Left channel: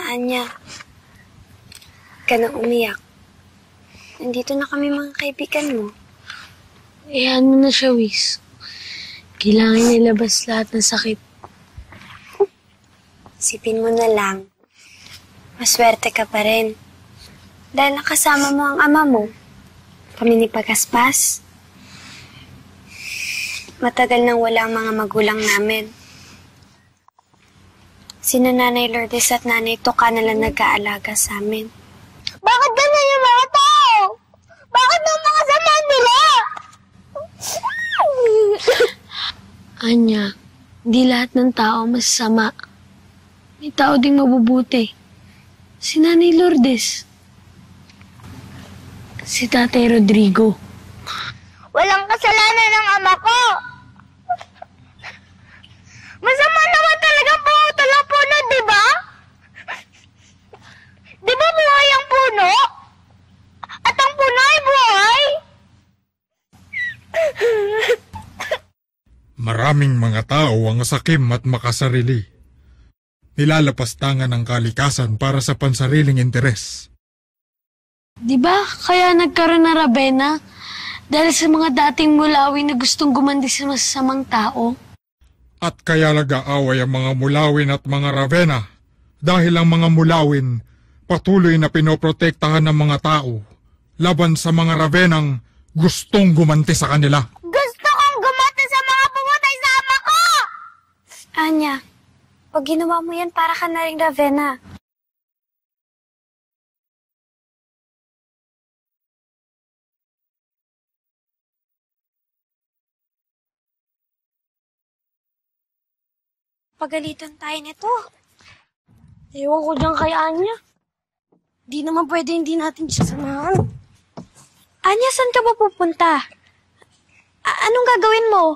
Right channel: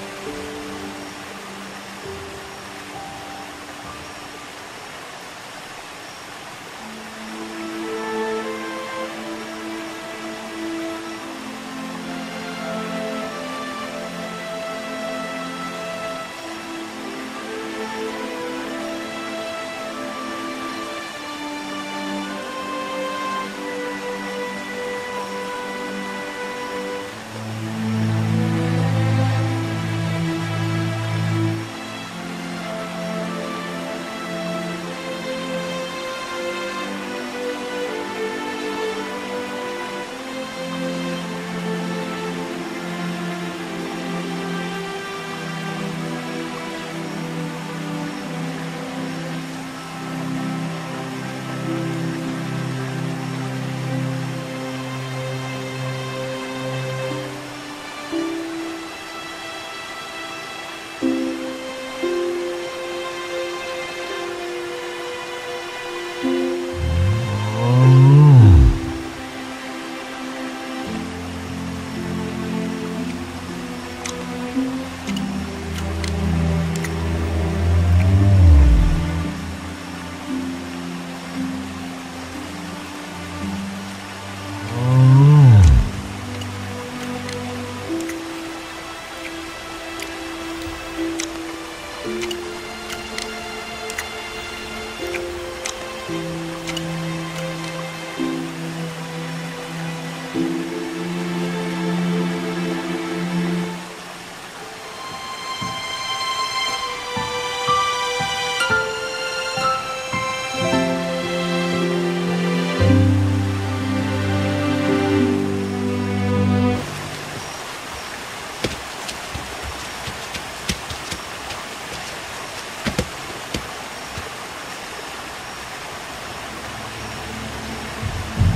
na, Anya. Huwag ka na umiyak. Nandito na kami mga kaibigan mo. Hayaan mo na siya, Wiz. Kailangan ilabas lahat ng sakit. Isipin mo na lang. Maswerte ka pa rin. Dahil nakasama mo ang ama mo. Kami ni Pagaspas. Matagal nang wala ang mga magulang namin. Sina Nanay Lourdes at Nanay Toka na lang nag-aalaga sa amin. Bakit ganun yung mga tao? Bakit ang mga sama nila? Anya, hindi lahat ng tao masasama. May tao ding mabubuti. Si Nanay Lourdes. Si Tatay Rodrigo. Walang kasalanan ng ama ko. Masama naman talaga pumunta ng puno, di ba? Di ba buhay ang puno? At ang puno ay buhay? Maraming mga tao ang sakim at makasarili. Nilalapastangan ng kalikasan para sa pansariling interes. Di ba kaya nagkaroon na Ravenna? Dahil sa mga dating mulawin na gustong gumandi sa masasamang tao. At kaya nag-aaway ang mga mulawin at mga Ravenna dahil ang mga mulawin patuloy na pinoprotektahan ng mga tao laban sa mga Ravenang gustong gumanti sa kanila. Gusto kong gumati sa mga pumatay sa ama ko! Anya, pag ginawa mo yan, para ka na rin Ravenna. Pagalitan tayo nito. Ewan ko dyan kay Anya. Di naman pwede hindi natin siya samahan. Anya, saan ka ba pupunta? Anong gagawin mo?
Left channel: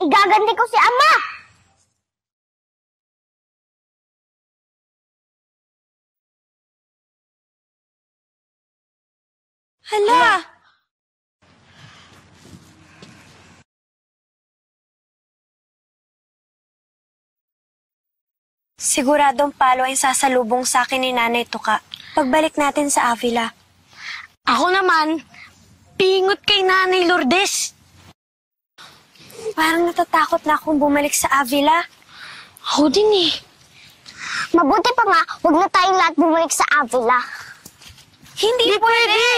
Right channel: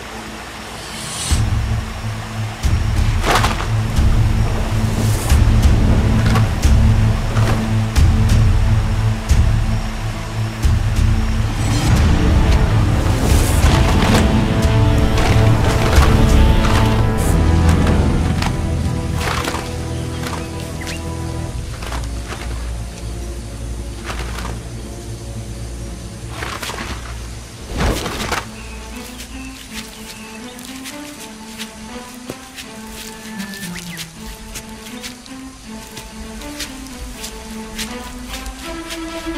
Igaganti ko si ama! Hala! Siguradong palo ay sasalubong sa akin ni Nanay Toka pagbalik natin sa Avila. Ako naman, pingot kay Nanay Lourdes. Parang natatakot na akong bumalik sa Avila. Ako din eh. Mabuti pa nga, huwag na tayong lahat bumalik sa Avila. Hindi pwede!